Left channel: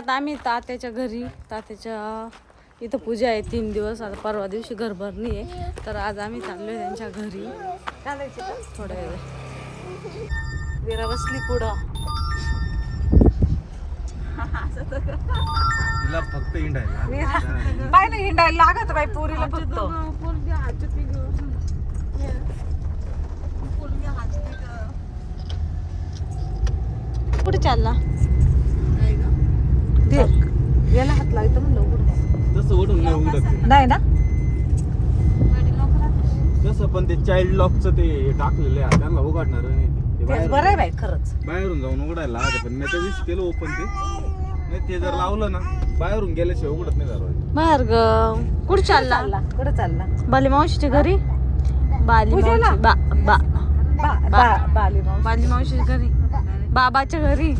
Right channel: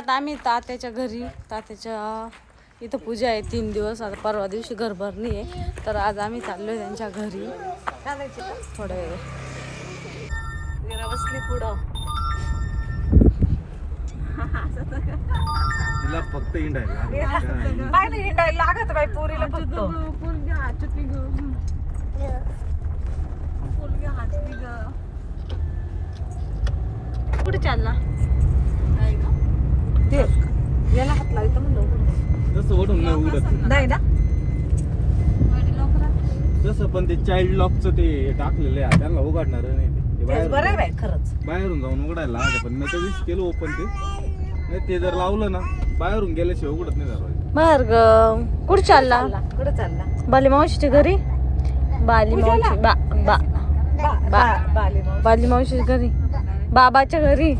आता आम्ही तात्याच्या घरी तात्याच्या इथं पूजा आहे तीन दिवस. आता परवा दिवशी घर भरणी आहे तर आज आम्ही चाललोय त्यांच्या घरी. थोड्या वेळ. जरा बसली पुढं. तिला फक्त हिंडायला हिंडायला लागत बाई पुरीला फक्त. कुठे चालला ते. याला हात लावतो म्हणलं तसं नाही उघडत. नाही ना? तसं पण ते चाइल्ड लॉकचं ते टाकलेलं आहे. त्यांना उघडणार नाही ते. ते तेच बाहेरून- बरं आहे बाई खरंच. बाहेरून जाऊन उघडायला लागतं पण मी त्या दिवशी केलं ओपन ते. नाही ते जर लावलं ना बाहेरून गेल्याशिवाय उघडत नाही बाहेर ग. कुठे चालला? कुठं चालला? बाली मावशीच्या घरी? बाली मावशी बा बा बा बा बाली मावशी बाली मावशीच्या घरी. बाबाच्या घरी?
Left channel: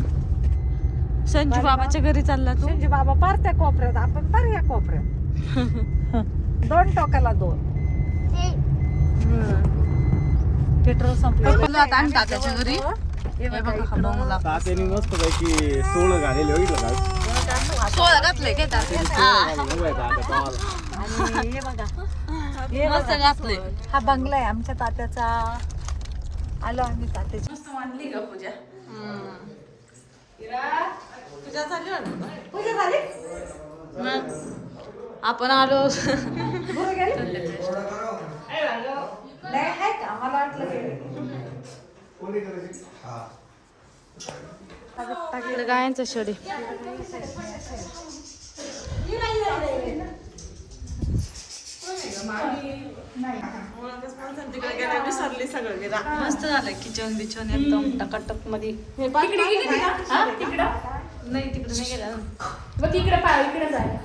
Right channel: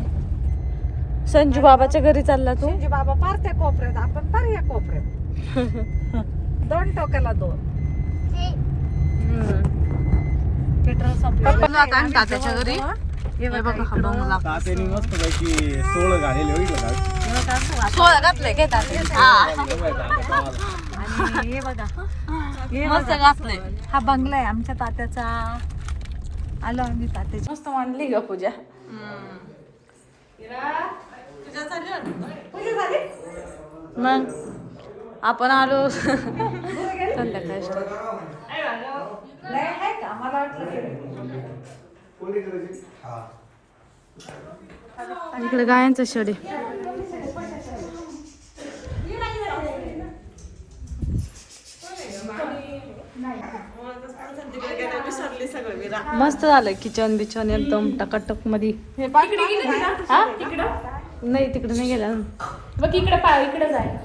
संजू बाबाच्या घरी चालला तू? शिवजी बाबा पार त्या कोपऱ्यात आपण पार या कोपऱ्यात. दोन टोकाला दोन. पेट्रोल संपलं. हे बघा बंगला. तात्याने मस्त पैकी सोळं घालेले बघितलं का सोळा घातलंय काय तात्या? बघायचं आता तुम्हाला. आणि हे बघा. मस्त घातलंय. हा बंगला आहे आमच्या तात्याचा. आलो आम्ही तात्याच्या. मस्त मांडली ग पूजा. मग आपण आलो. गायांचं शेड. मस्त झालंय किचन बिचन एकदम टकाटकमध्ये? नाही तिकडे नाही गेला. मग इकडे पाय इकडे जाय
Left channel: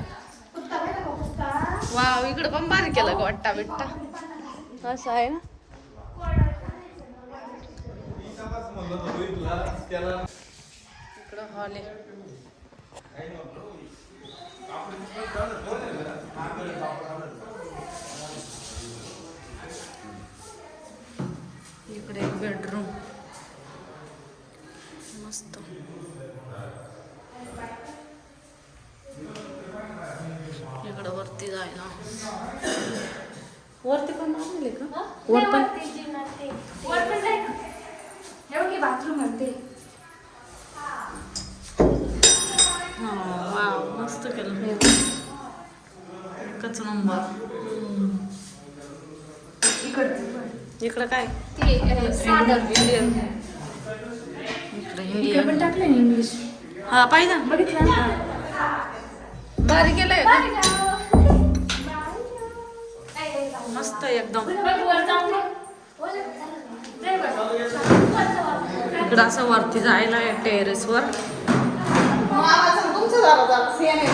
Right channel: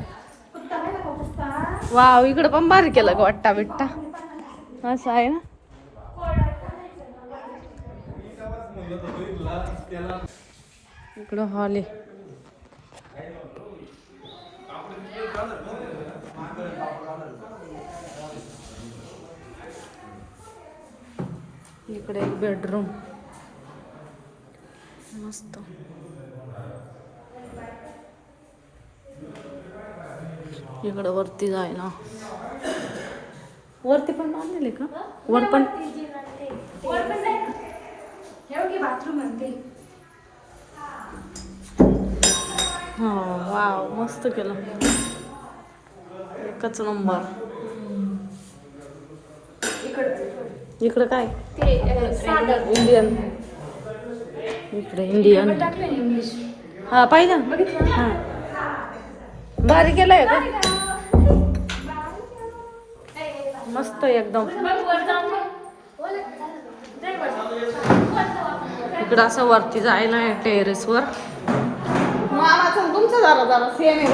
वाव इकडं पण बारीक केलं ग वाट्टा बिट्टा. असं आहे ना? इकडं हॉल आहे. इकडे एक बेडरूम मस्त. इकडं वरती जाय ना? वरती पण वर पण बाथरूम म्हणते. हा वाव मस्त केलं. एकच नंबर. इकडं. काय? ते साधं. इंडियन इकडे इंडियन टाकलं इंग्लिश हा पाहिजे ना बघितलं ना? भारी केलंय? मस्त एकदम. इकडं असं वरती जाय ना टेरेस वर मामाचं तुमचं जरा सेम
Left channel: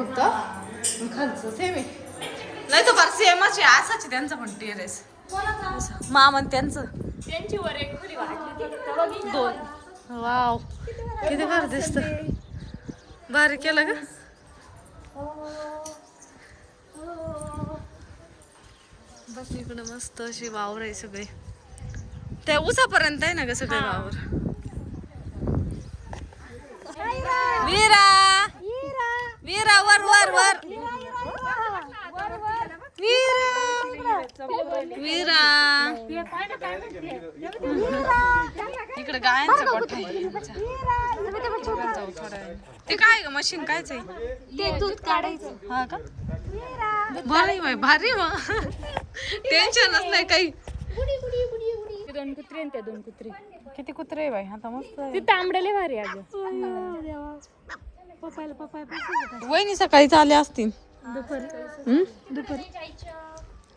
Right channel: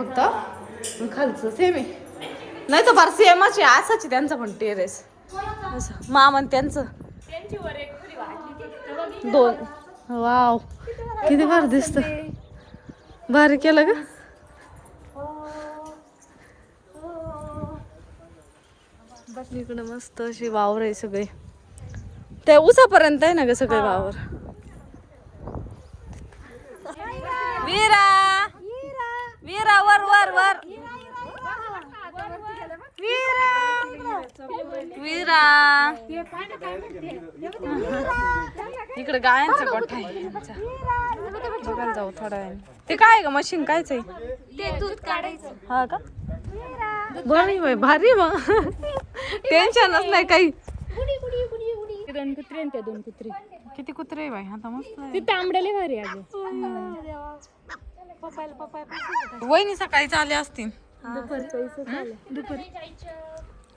फक्त. नाही तर फार सेमच आहे असंच आहे त्यांचं पण टेरेस. असं. मामा आणि त्यांचं. त्यांची वर एक फुली वाढली. तेव्हा बघ. दोन. वाव किती भारी दिसत. भारी केलं ग इकडं मस्त अशी वावर आहे सगळे. ते उसापर्यंत आहे ना ग सगळे वावर? वीरा! वीरा वर वर वर. वीरा! वीरा इकडे गायांचा गोठा आहे यांचा. बघायला जाऊ थोडा वेळ. ते काय ग मशीन कायच आहे? ते दूध काढायचं. हा का? बरं आहे बाई भारी मग. टेन्शनच नाही काही. दोन कुत्री आणि त्या दोन कुत्री. किती कुत्रे आहे बाई? आता मस्त आहे. ते तांबड्याले भारी अगं. पप्पायला पप्पाय वहिनी सकाळीच आले असतील. दुपारी. दुपारी.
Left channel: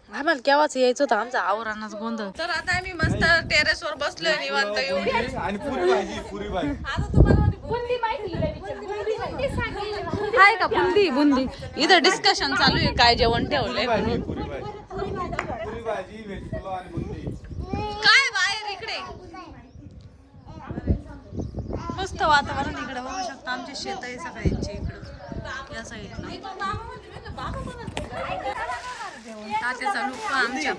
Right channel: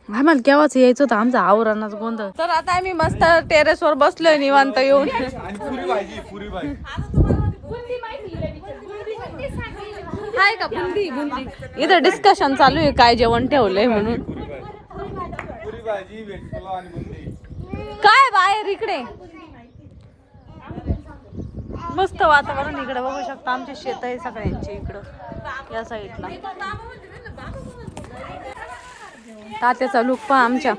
आम्हाला केव्हाच यायचं होतं? आमचा आवरानाच गोंधळ. तर आता आम्ही मस्त टेरेस वर बसलोय निवांत येऊन आणि पुरी भाजी पुरी भाजी. हाय का? बुंदी बुंदी. इथं डिस्कशन चालू आहे काय जेवण ठेवलंय काय बाहेर इकडे? मस्त वातावरण इकडे. बघू शकता आमचे शेत आहे सगळ्यांचे इकडं या साईडला तात्याचा लुक पहा आमच्या.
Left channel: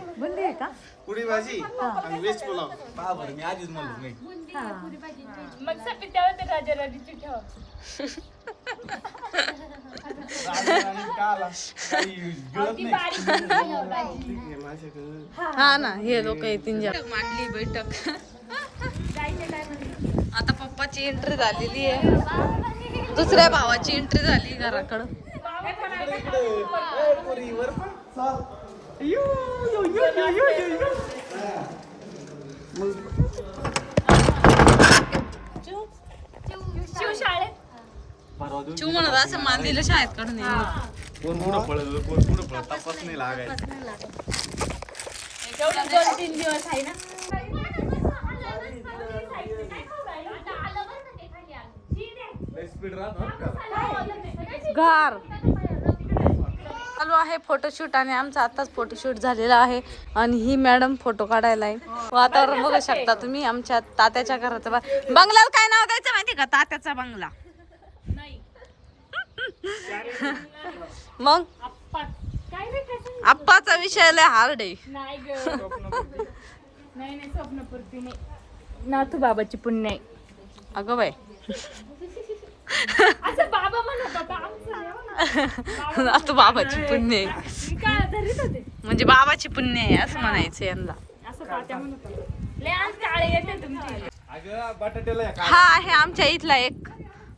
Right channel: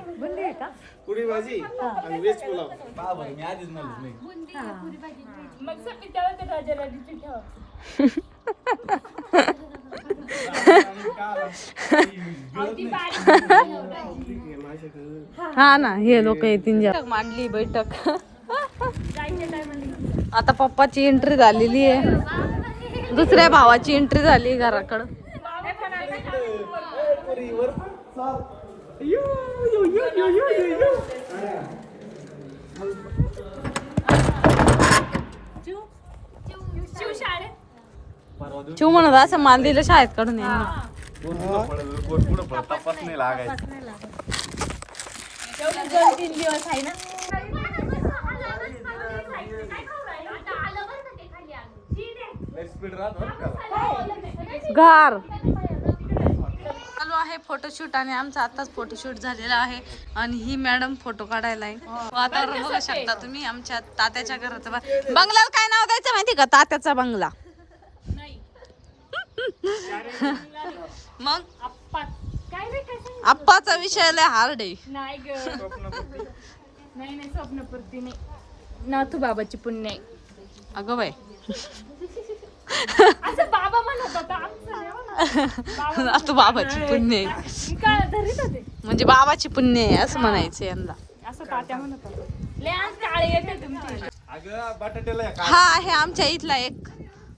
पुरी भाजी आणि पुलाव. मी आधीच म्हणत नाही. हा ना हे लोक येतील मांडली बैठक. आता पप्पाची एंट्री झालेली आहे. दुसऱ्या भावाची एंट्री झाली घराकडं. शिवशाळेत परवा दिवशी चिव म्हणत असं माल दिलं शाळेत काढून यांनी कोण पुढं पळत कोण पुढं पळत तपास नाही लागायचं एवढे दोन तीन दिवस आहे ना घर चालू आहे फोटोशूट आणि आमचा आताच फोटोशूट झालेला आहे. आणि ही मॅडम फोटो काढायला आहे वातावरण बघू शकता तुम्ही आमच्या तात्याच्या घराचं बंगल्याला काय नाव द्यायचं माहिती का? तात्याचा बंगला. मग? आप्पाचा विषय लय हार्ड आहे. नाही नाही नाही स्वप्नपूर्ती नाही. नाथू बाबाची पुण्य अगं बाई. असं बाबा म्हणत होता आमचं हो बाबाची पुण्य आहे. म्हणजे बाबाची पुण्य आहे असं म्हणायचं यांना. असं तात्या म्हणत होता. लय आज काळे येते तुमची. अगं बटाट्याला या हा आहे आमच्या इथला एक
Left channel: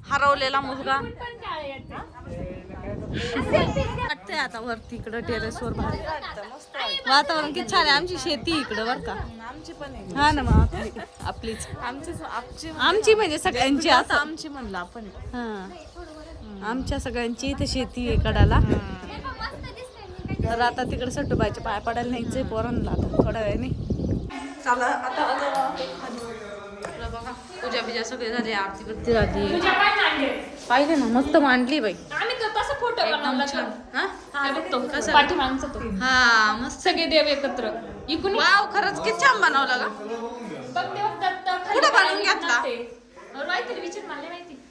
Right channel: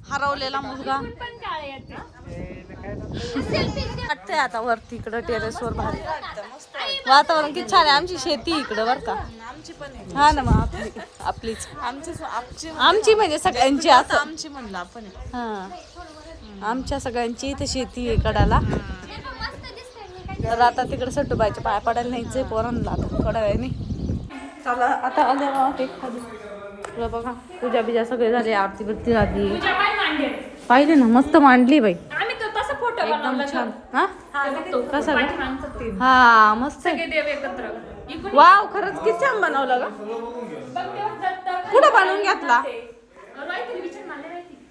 हरवलेला मुलगा. पण पण काळे येते वाटतंय आता वरती इकडं टेरेस वर भारी. वातावरण किती छान आहे. आमची शेती इकडं बर का. हा ना मग आपली. आपलीच. आमची म्हणजे सगळ्यांची असं. आमची म्हणलं आपण हा. आमच्या सगळ्यांची इथं शेती आहे कडाला. तर आता तिकडे सट्टूबाईच्या पाया पडायला न्यायचंय पोरांना आता. थोड्या वेळाने चला आता बघा पूजा बिजा सगळे झाले आरती बिरती झाली. पाहिजे ना मस्त मांडली बाई आम्ही तर तसं फोटो एकदम छान. हा? ते बघतो. कसा? पाठीमागचा तो. हा मस्त सगळे देव एकत्र. वाव खरंच किती छान बनवलं दत्त कुठं बनवून घेतला?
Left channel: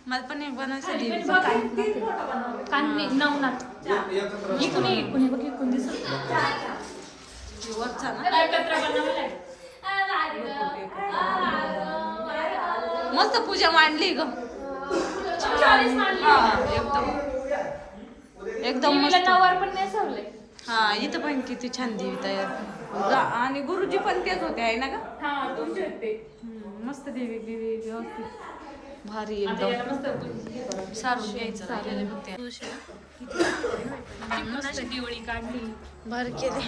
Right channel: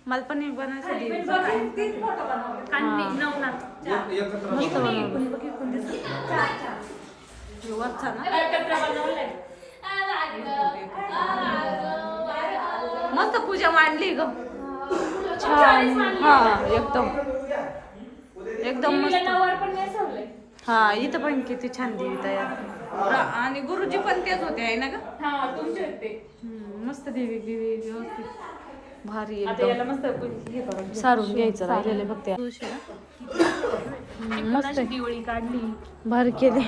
मला पण एक कान्हे नवनाथ. मस्त बनवलं वरचा ना? एकत्र बनवलंय. मस्त पूजा मांडली ग. छान हा एकदम. एकदम मस्त. हा इथं पण किती छान देवी तयार. आणि गुरुजी पण तेच होते आहे ना ग? मस्त देवी देवी व्यवस्थित. भारी एकदम. मस्त सारून घ्यायचं राहिलेले फक्त अशी दिवाळी काढली. भारी केली.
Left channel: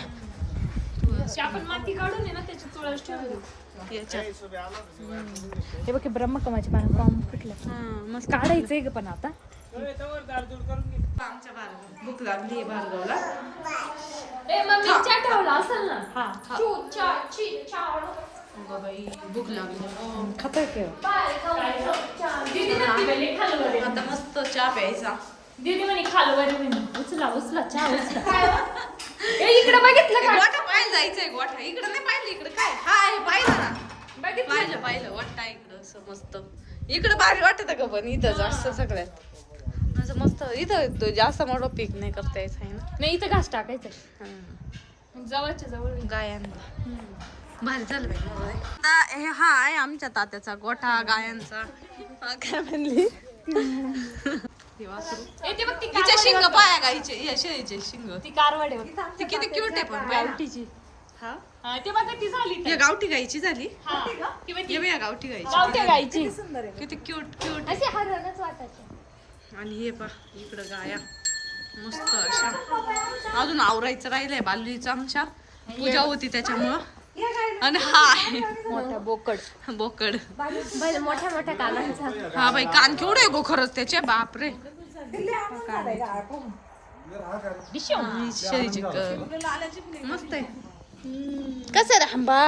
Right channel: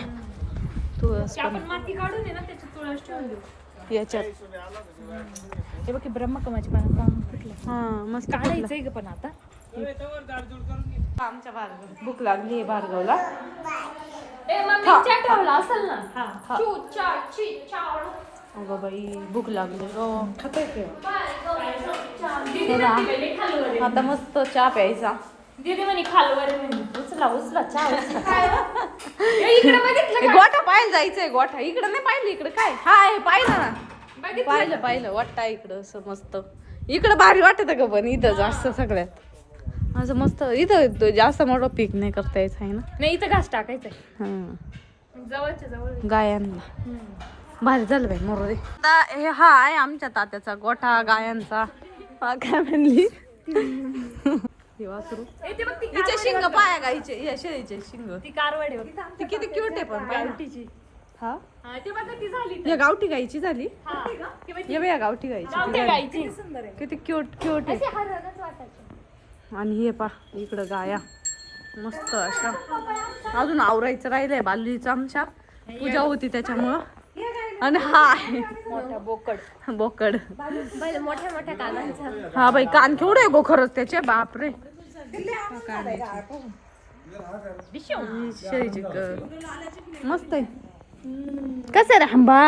तुळस माती काढून आहे याच्यात हे बघ ब्रह्मकमाचे पान फुटलं. हा मस्त काढायचंय ग पण आता. आमच्या भार्गव भूक लागली भार्गवला. मग हा. हा चावड. अगं बाई भूक लागली. हो आहे. आता मस्त चहा प्यायचा. दीदी म्हणे खालवर आहे म्हणे. उचला उचला चहा उचला. ए, इकडे बघितलं हे गोठा पाहायला जायचंय गोठा. इकडं नाही पाहिलं इकडे काय? हा हे पाहिलं ना. बघितलं. पाहिलं पाहिलं. वाटतं इकडं असं मस्त. इकडं भारी वाटत का पण इथं जास्त सगळ्यात. असं मस्त इथं तो जास्त मोठं पीक नाही करता यायचं आहे ना. नाही इथं घास टाकायचंय हा जवळच्या जवळ गायांना. भारी झालं बाई मरू दे. आता हे हा आहे आमच्या तात्याचा गोठा गायांचा. हा, काय म्हणली? हे वासरू. ए, ते बघ ती हिचे शिंग पाया गाईचे या शेळीचे शिंग. ती कारवाड आहे बघ. ती किती क्यूट आहे पण गावठीची. हा? हा, ते बघा ती झाली या गावठी गाईची झाली? हा. ती ये गावठी गाईची. ती गावठी झाली. गाईची. किती क्यूट क्यूट आहे. आणि हे पा इकडं गाया. मस्त अशा. अजून आवरायचं राहिलंय बाललीचं आमच्या. पूजा होती त्याच्यामुळं. आणि हा आहे बोकड. बोकड हा बाई कान केवढे आहे गो खरंच त्याचे? बापरे. शेळीची क- मस्त आहे. कसं आहे रे हंबा?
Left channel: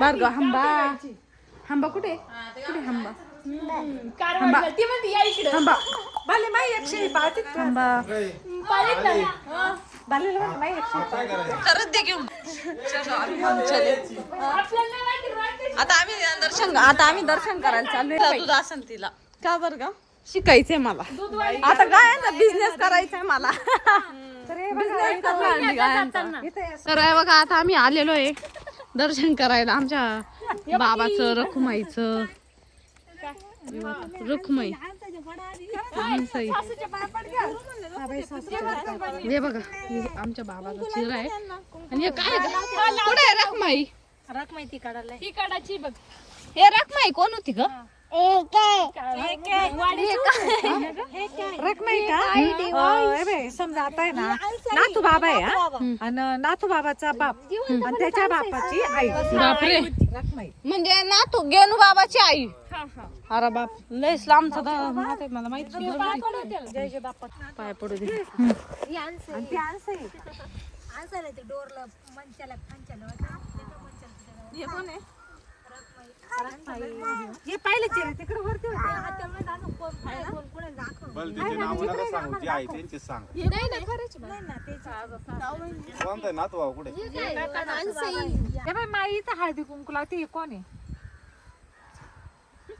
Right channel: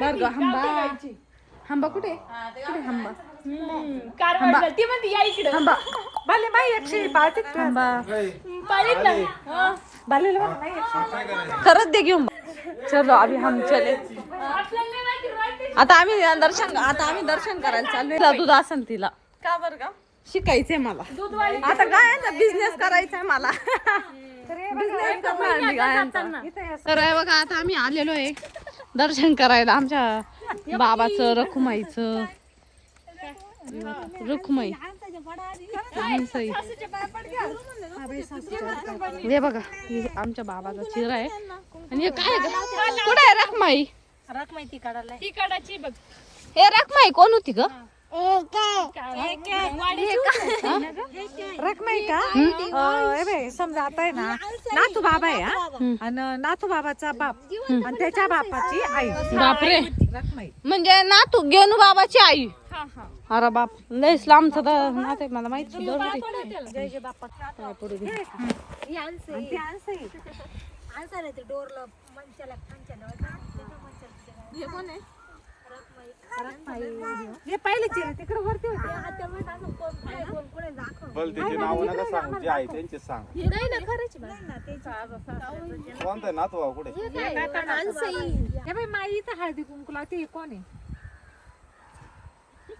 भार्गव हंबा. हंबा कुठे? कुठे हंबा? हंबा. खरंच दे घेऊन चलो आम्ही हम चले. आता आम्ही दर्शन आता आम्ही दर्शन करायला चाललोय. दूध असन तिला. का बर का शिकायचंय मला. आता गायांचा बिझनेस करायचंय मला. बिझनेस करणार मी गायांचा. तर हे बघा आता आम्ही आलेलो आहे दर्शन करायला. आमच्या बाबाचं रखुमाईचं. रखुमाई. हे बघा हे आमच्या बाबाचा चिरा आहे. आणि हे काय आहे? कुठं आहे रखमाई? ही कडाची बघ. हे रखमाई कोण होती ग? का अं, हे समजा आता आहे ना नातू बाबा आहे हा आणि नातू बाबाचा बाप आणि त्याच्या बापाची आई बापरे रखमाई म्हणजे ना तू गेनू बाबाची आई हा हा अरे बाप लय इस्लामचं तर माहिती आहे, मला माहिती पाय पडू दे आणि ते आणसं आहे. हे पहिले चिरा तिकडे वरती होते. बल त्याची नावं नका सांगू जे आहे त्यांचे सांग. कोणता आहे. नातू भाऊ कुठे? हे हळदी कुंकू लावते हे कोण आहे?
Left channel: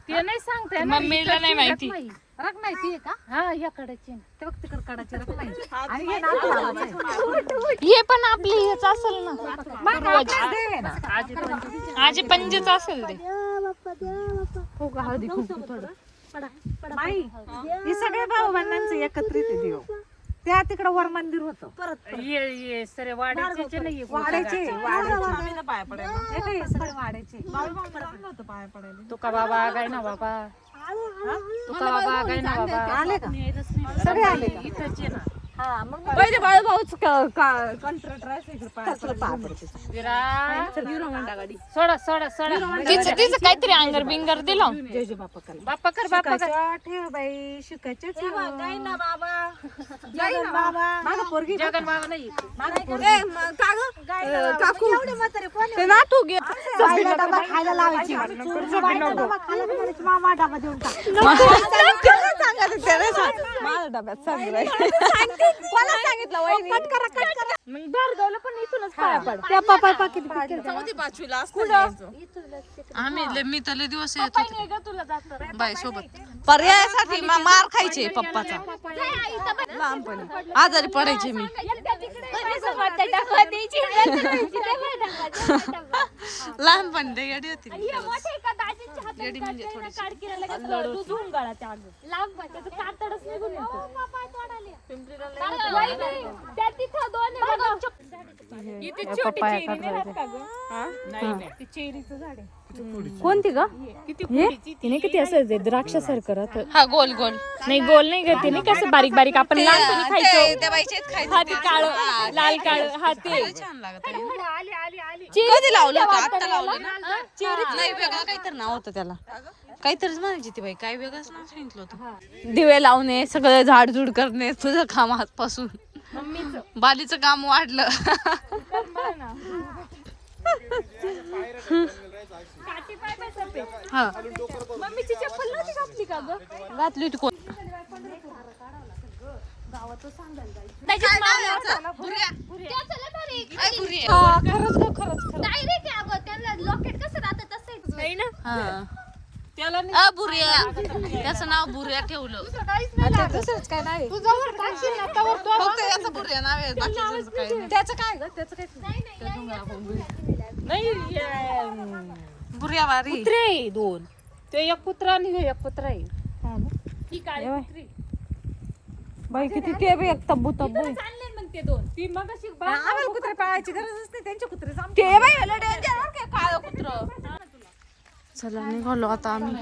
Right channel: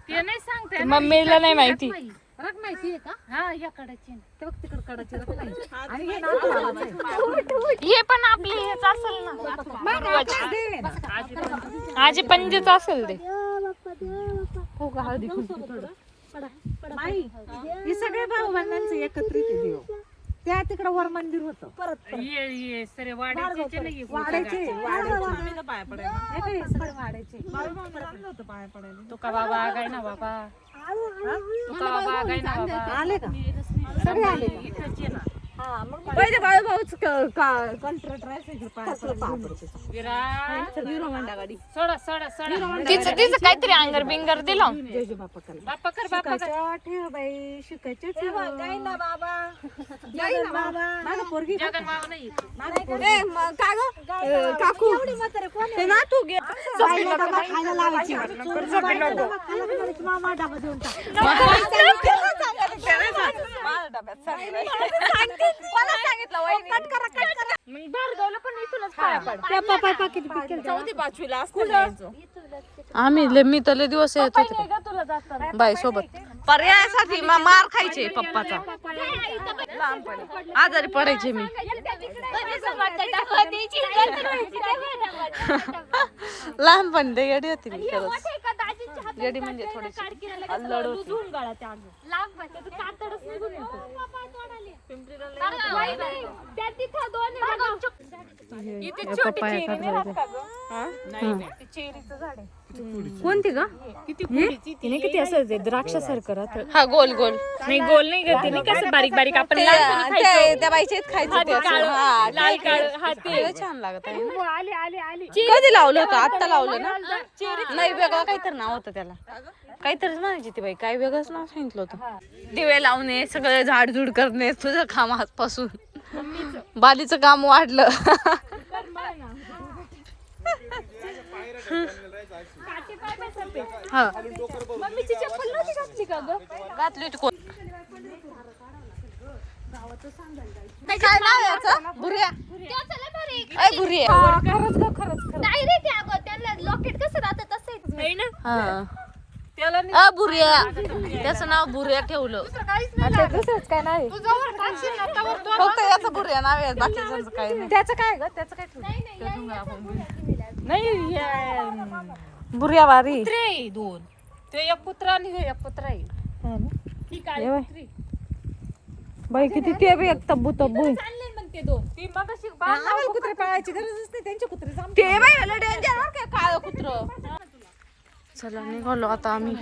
ते नाही सांगते मम्मीला नाही माहिती. ती का? हा या कडाची ते बघ तिकडे कडाची रखमाई आणि हे नातू बाबाचं आहे. हे पण आपली हेच असेल ना. मग आजी पंजेच असेल ते हो का हळदी कुंकू थोडं. माई हे सगळे भाऊ बंधांचं एकत्रित देव. त्या तिकडे वर मंदिर होतं. वाड्याचे वाड्याचे बाबा काय ना बाबा. आले का? सगळे आले का? पहिले बाळू भाऊच सोडा सोडा सोडा. तिचं तिचं काहीतरी अंगर बिंगर दिलं. जय जय बाप्पा करा बाप्पा कर बाप्पा कर शिकायचं ठेव. बाई शिकायचं ना बाबा. पोरगी बाबा नाही. काकू. ते ना तू गे बाईला डबा खायला लावायची. बाईला मग भार्गवला पण इथूनच पाया पड. त्या पिकेल आम्ही लय मी तर लय दिवस येत होते. का तुला जातात बाई सोबत. पर्यायासाठी मा- मार खायचे पप्पाचा. लहानपणी आजारी पडायचे मी. लहानपणी ते येडी होती मी खरंच. येडी म्हणजे थोडीशी अल्लड होती पप्पाया कोणती ग? तिने किती असं द्राक्ष सारखं राहत? हा गोल गोल. नाही गोल नाही करते नाही कसं बारीक बारीक आपण ते ते- त्या बाईचेच खायचं ते असं. हा, ते- ते छान लागत आहे ना. कधी लावलं होतं? आता लावलं ना? नाही वेगळं काहीतरी नाव होतं त्याला. काहीतरीच म्हणायची ती बाई काय वेगळंच नाव सांगितलं होतं. दिवे लावणे सगळं झाडझूड करणे तुझं काम आजपासून. बालीचं काम वाढलं. हा. मम्मीची चप्पल नव्हती घातली का ग? घातली होती कोण? काय नाव आहे याचं? बुऱ्या अय बुऱ्या हा अ बुऱ्या त्याचं नाव बुऱ्या ठेवलं. फक्त याचं बुऱ्या नाव आहे बाकीचं काही नाही. त्याचं काय ग? त्याचं काय नाही बुऱ्या वारी. ते दोन. ते एक पुत्र आणि हे एक पुत्र आहे. बाई. किती ते बी एक तब्बू तब्बू. आहे. ते दोन. ती मग अशी आम्हाला कुत्रे पाळायची गरजच नाही त्यांच्या कुत्रे ते बाई डेंजर काळ कुत्र? चला निघालो आता आम्ही.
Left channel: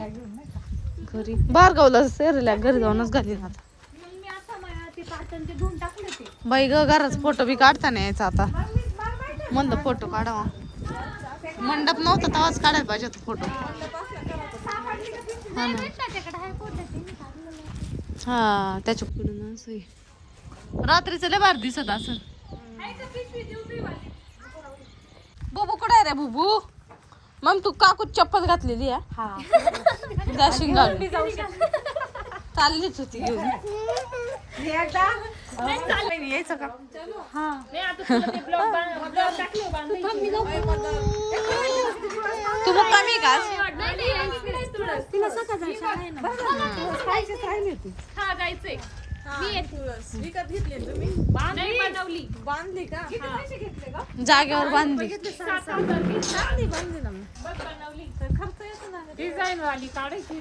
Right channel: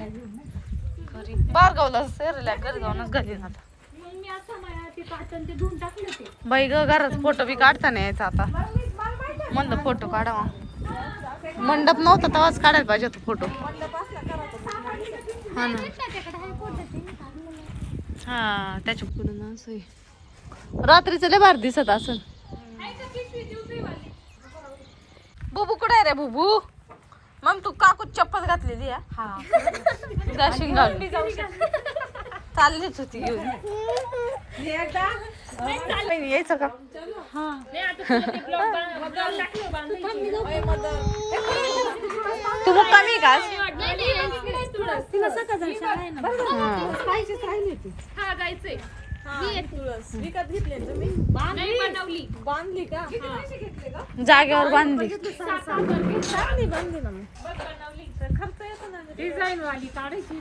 घरी. भार्गवलं सेरीला घरी जाऊनच घाली आता. ते पाचन ते धुवून टाकलं ते. बाई ग घराच फोटो बी काढता नाही यायचा आता. म्हणलं फोटो काढावा. मंडप नव्हता तेव्हाच काढायला पाहिजे तो फोटो हा ना. हा त्याच्या पुढे असं आहे. रात्रीचं लय भार दिसत असल. बुबू कुठे आहे रे बुबू? मग तू काकू चप्पल घातलेली आहे? जाशील घालून चाललीच होती घेऊन यायचं का? हा तू मग कमी हा जागेवर बांधली. डिझाईन वाली काढायची